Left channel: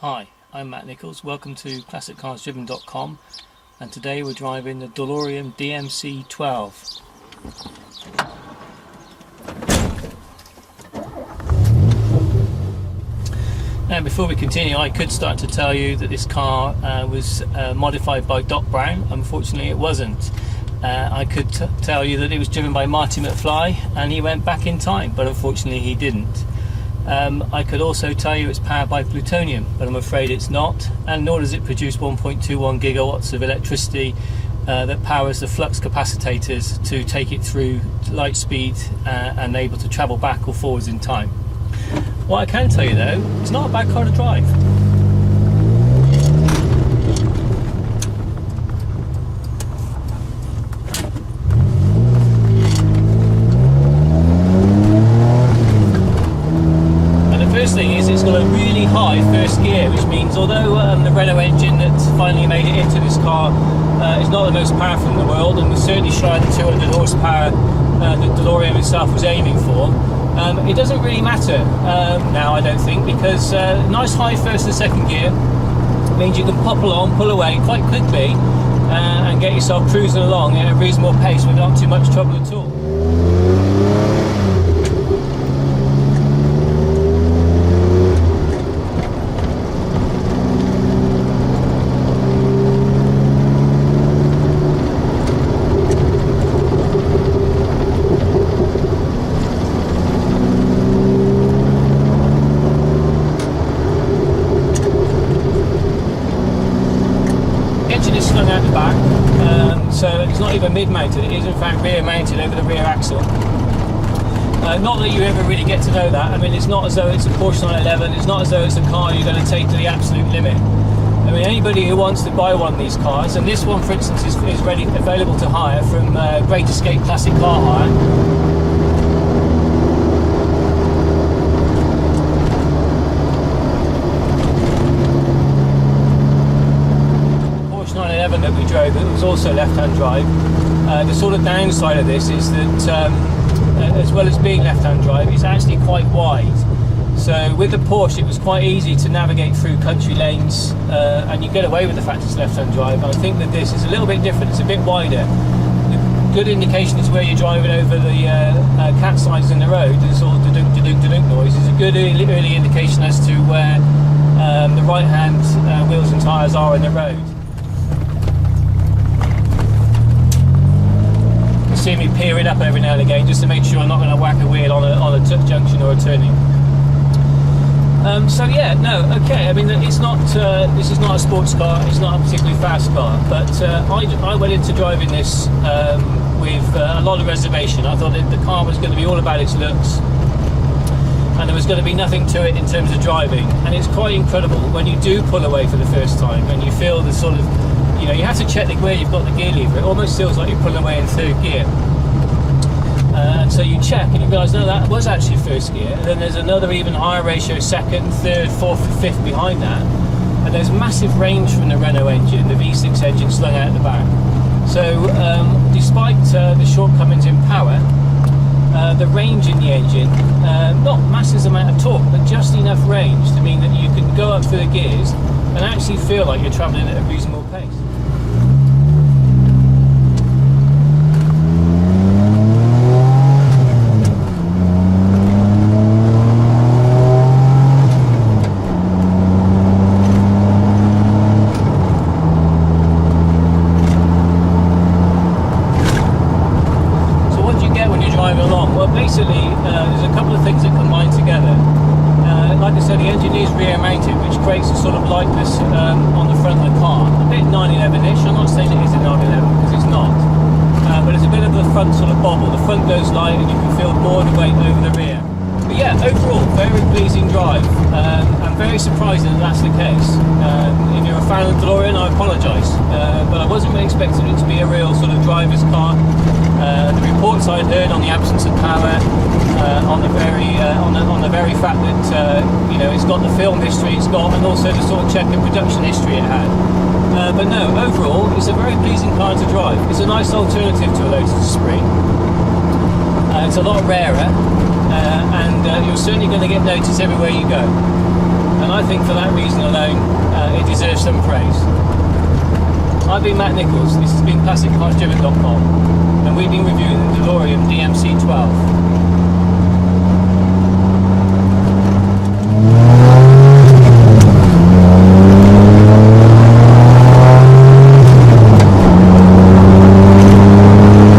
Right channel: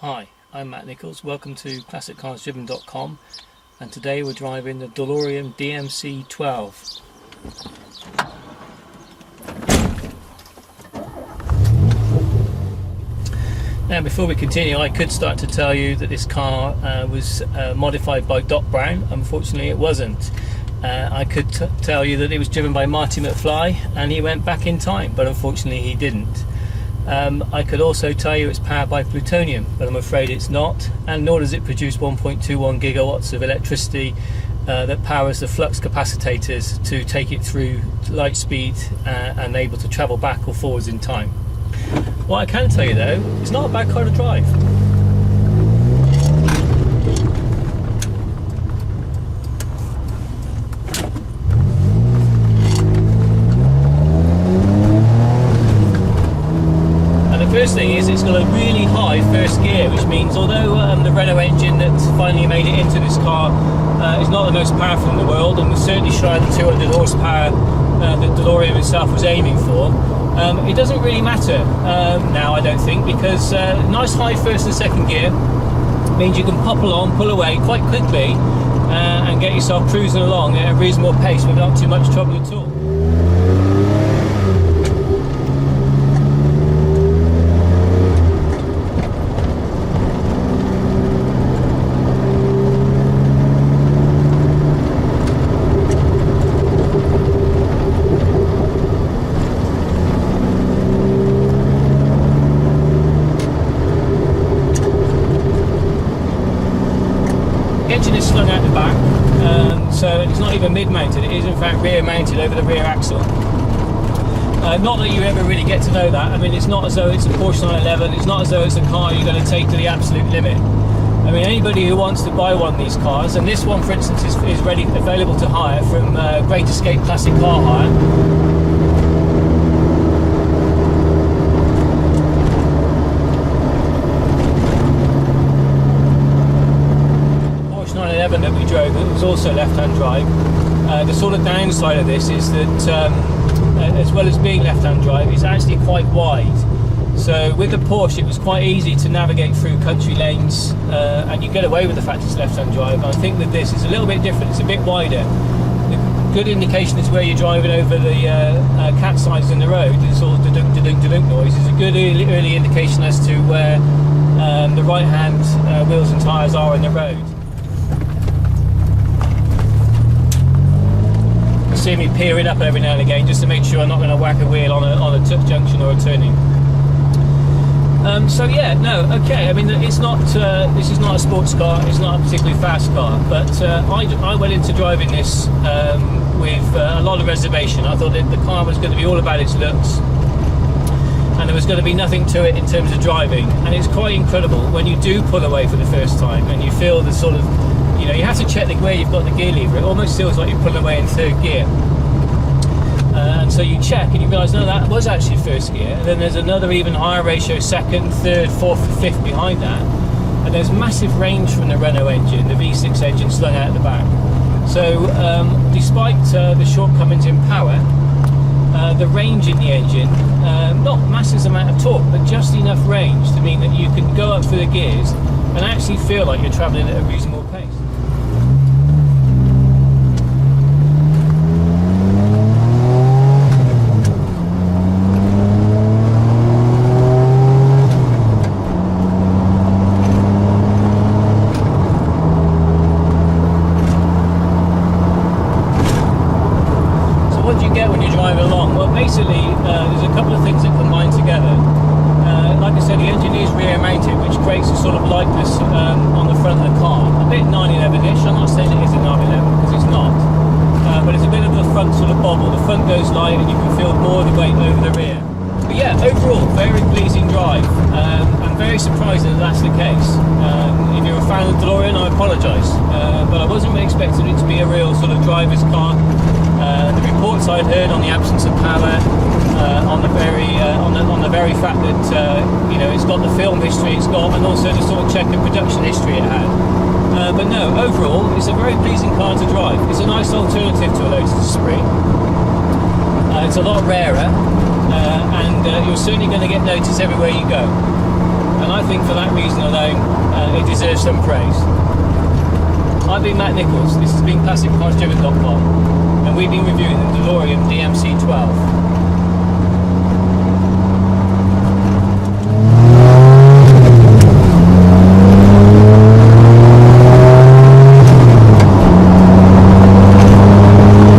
Hi, I'm Matt Nichols. Welcome to ClassicCarsDriven.com, and today we're driving the Delorean DMC 12. Now, before we continue, I could start to tell you that this car was modified by Doc Brown. Unfortunately, it wasn't. I could tell you that it was driven by Marty McFly and he went back in time, but unfortunately he didn't. I could also tell you it's powered by plutonium, but I'm afraid it's not, and nor does it produce 1.21 gigawatts of electricity that powers the flux capacitors to take it through light speed and able to travel back or forwards in time. What I can tell you though, it's not a bad car to drive. First thing is it's got a really high first gear, which means although the Renault engine that finally made it into this car is not the most powerful in the world and was certainly shy of the 200 horsepower that DeLorean itself was aiming for, it doesn't really matter now, I don't think, because nice high first and second gear means you can pop along, pull away quite quickly and get yourself cruising along at a reasonable pace without too much trouble at all. Is slung out the back, so it's not even mid-mounted, it is in fact rear-mounted over the rear axle. Not that you ever really get to know that. I mean, it's not as though it's a Porsche 911, it's not as though it's a car you're going to take to the absolute limit. I mean, anybody who wants to buy one of these cars, and this one for instance is available to hire from Great Escape Classic Car Hire. That we drove that was also left-hand drive. The sort of downside of this is that as well as being left-hand drive, it's actually quite wide. So with the Porsche it was quite easy to navigate through country lanes and you get away with the fact it's left-hand drive. I think that this is a little bit different, it's a bit wider. The good indication is where you're driving over the cat signs in the road, the sort of da-dunk noise is a good early indication as to where the right-hand wheels and tyres are in the road. See me peering up every now and again just to make sure I'm not going to whack a wheel on a junction or a turning. So yeah, no, okay. I mean, it's not. This is not a sports car. It's not a particularly fast car. But I went into driving this with a lot of reservation. I thought that the car was going to be all about its looks, and there was going to be nothing to it in terms of driving. And it's quite incredible when you do pull away for the first time and you feel the sort of, you know, you have to check where you've got the gear lever. It almost feels like you're pulling away in third gear. And so you check and you realise, no, that was actually first gear. And then there's another even higher ratio, second, third, fourth, fifth behind that. And there's massive range from the Renault engine, the V6 engine slung out the back. So despite the shortcomings in power, the range in the engine, not massive amount of torque, but just enough range to mean that you can go up through the gears and actually feel like you're travelling at a reasonable pace. So what do you get when you're driving along? Well, basically there's a couple of things that combine together. Like I said, the engine is rear mounted, which creates a sort of lightness on the front of the car. A bit 911-ish. I'm not saying it is a 911 because it's not. But it's a bit of the front sort of bobble. The front goes light and you can feel more of the weight over the rear. But yeah, overall, very pleasing drive. I'm very surprised that that's the case. If you're a fan of DeLorean, I apologise. But I wasn't really expecting it to be a real sort of driver's car. The reports I'd heard on the absence of power, on the very fact that you know, it's got the film history it's got, and also the sort of check and production history it had. But no, overall, it's a very pleasing car to drive. It's a nice alternative to a Lotus Esprit. It's a lot rarer, and you're certainly going to get noticed everywhere you go. And I think for that reason alone, it deserves some praise. I've been Matt Nichols, this has been ClassicCarsDriven.com, and we've been reviewing the Delorean